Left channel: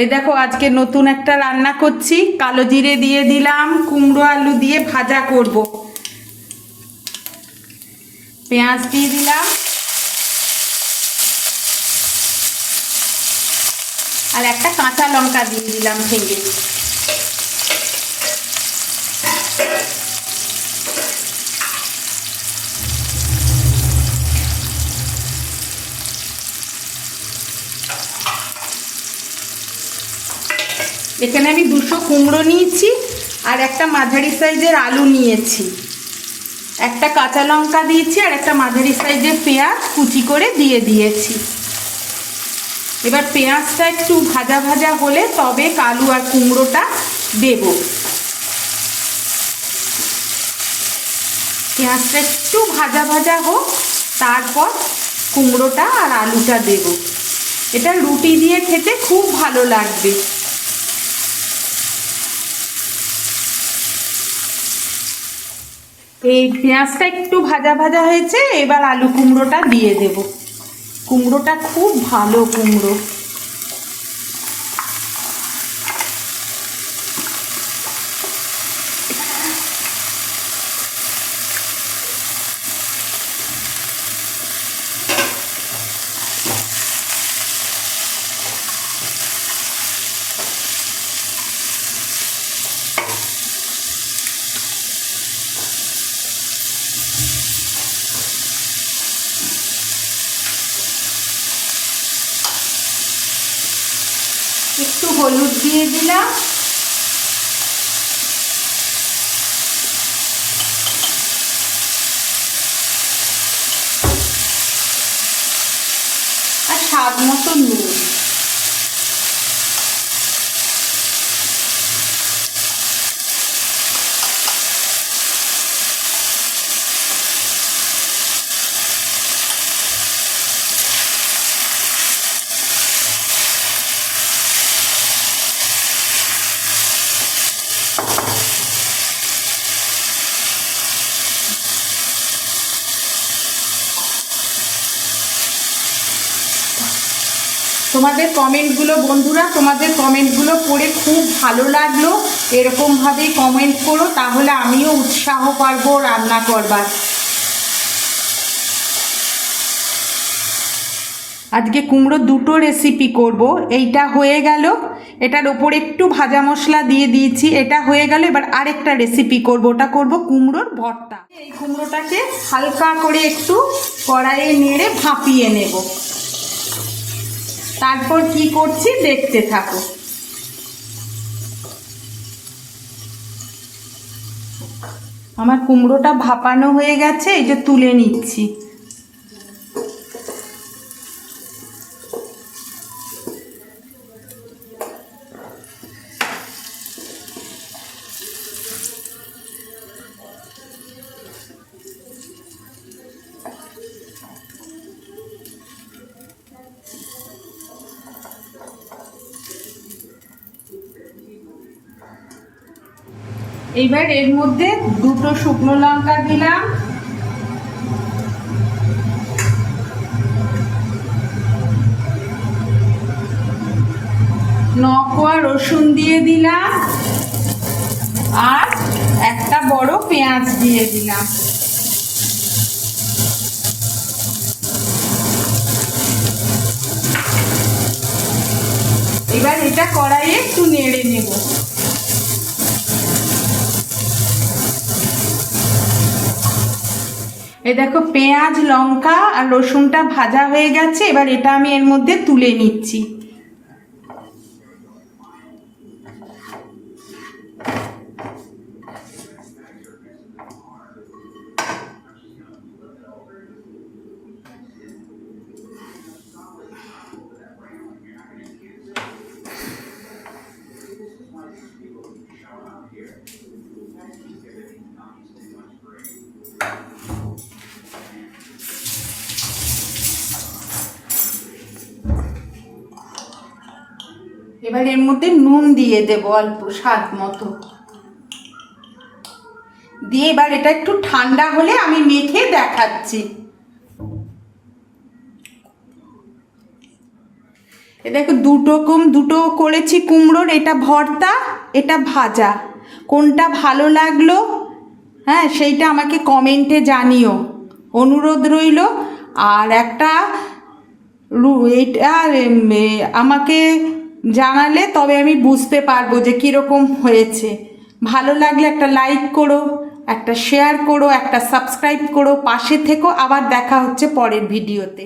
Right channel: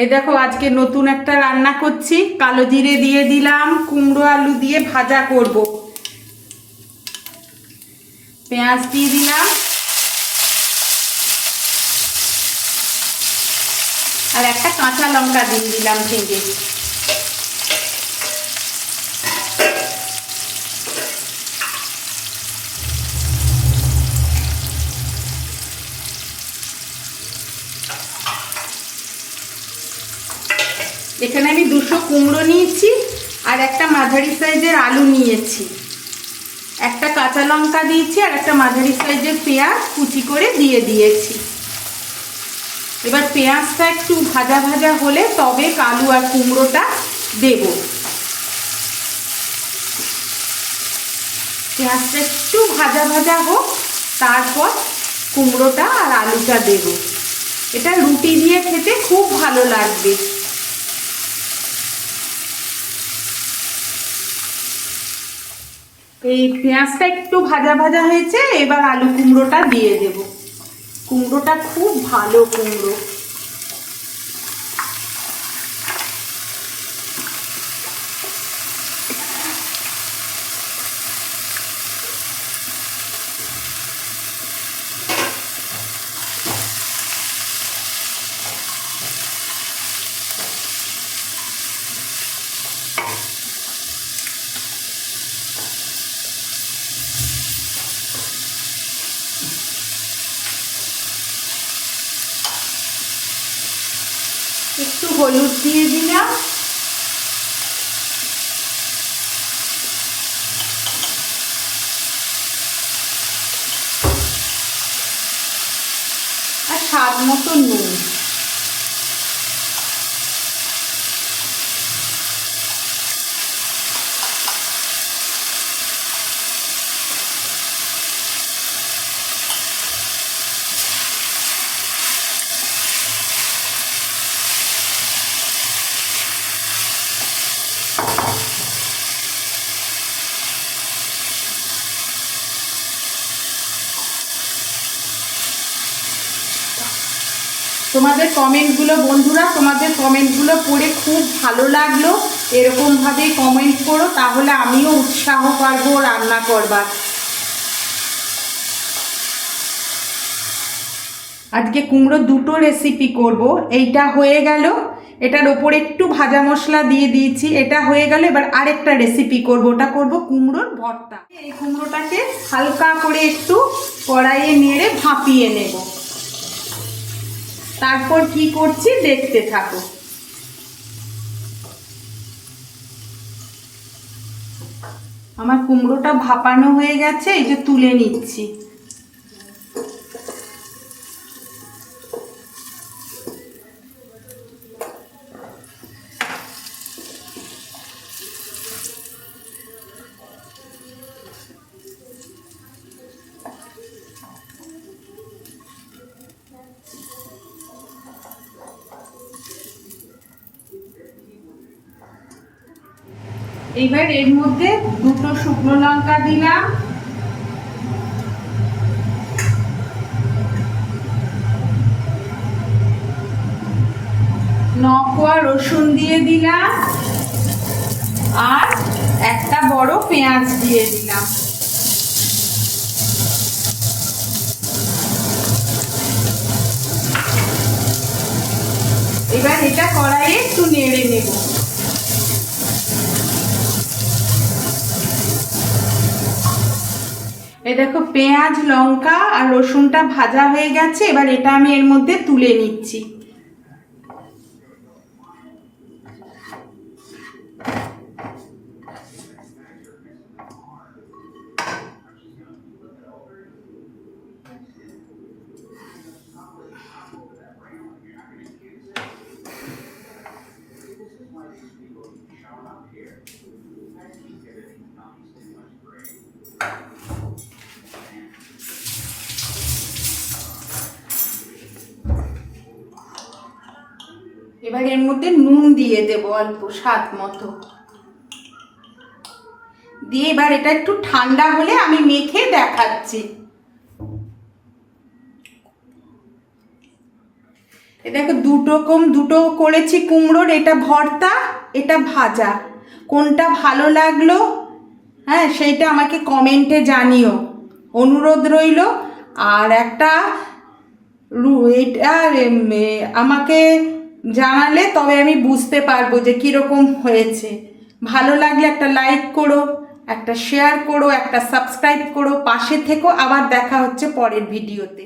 এই দেখো আজকে নতুন একটা রান্না করছি। কালো জিরে দিয়ে দিলাম, কুমড়ো আলু দিয়ে ভাজা করব। পেঁয়াজ দিয়ে দিলাম আর একটা কাঁচা লঙ্কা দিয়ে দিলাম ভেঙে। এখানে আমি 200 কুমড়ো নিয়েছি আর একটা মাঝারি সাইজের আলু নিয়েছি, একটা কাঁচা লঙ্কা দিয়েছি আর একটা মাঝারি সাইজের পেঁয়াজ কুচি করে দিয়ে দিয়েছি। এবার পেঁয়াজটা একটু ভাজা ভাজা হলে তবে আলু আর কুমড়োটা দেব। পেঁয়াজটা একটু ভাজা ভাজা হোক, তারপর কুমড়োটা আর আলুটা দেব। এটা রুটি দিয়ে খেতে খুব ভালো লাগবে। এই পেঁয়াজটা একটু ভাজা ভাজা হয়েছে, এবার আলু কুমড়োটা দিয়ে দেব। কুমড়োটা খুব ভালো কুমড়ো। একটু হলুদ দিয়ে দিলাম, আর স্বাদ মতো নুন। তোমাদের কমেন্টগুলো বন্ধুরা, তোমাদের কমেন্টগুলো পড়ে খুব ভালো লাগলো। এরকমভাবেই কমেন্ট করো, তাহলে আমিও উৎসাহ পাবো রান্না করবার। আজকে কুমড়ো দুটো রেসিপি করব। এইটা হয়ে গেল, এটার ওপর একটু ভাজা মশলা দিয়ে দিয়েছি, এটা হয়ে গেল। এবার আরেকটা রেসিপি করব, ওটা করব কুমড়োর ভর্তা। এই কুমড়োটাকে হালকা করে একটু কড়াইয়ে নেড়ে ভাপিয়ে নেব। তারপর কি করছি দেখতে থাকো। আমার কুমড়োটা ভাপানো হয়ে গেছে, এই যে তুলে নিচ্ছি। এবার এর মধ্যে দুটো শুকনো লঙ্কা দিলাম, নকোয়া রসুন দিয়ে দিলাম আর একটা বড় পেঁয়াজ দিয়ে দিলাম। এবার এটা কড়াইয়ে একটু নেড়ে নেব। এই দেখো পেঁয়াজ লঙ্কা আর রসুনটা ভাজা হয়ে গেছে। এবার এটা আমি এর মধ্যে তুলে নিচ্ছি। এবার এর মধ্যে নুন দিয়ে দেব অল্প স্বাদ মতো দিয়ে। এবার এটা একটু ঠান্ডা হলে আমি মেখে দেখাচ্ছি। দেখো দুটো করেছি কুমড়োর, এটা ভর্তা, এটা ভাজা। কোনটা ভালো লাগলো হ্যাঁ সেইটা আমাকে কমেন্টে জানিও, অনুরোধ রইল। আর এটা আমাকে জানালে তবে আমি বুঝতে পারবো যে কীরকম হয়েছে। ভালো লাগলে একটা লাইক করো, একটা শেয়ার করো, একটা সাবস্ক্রাইব করো, পাশে থেকো। আবার দেখা হচ্ছে পরের ভিডিওতে।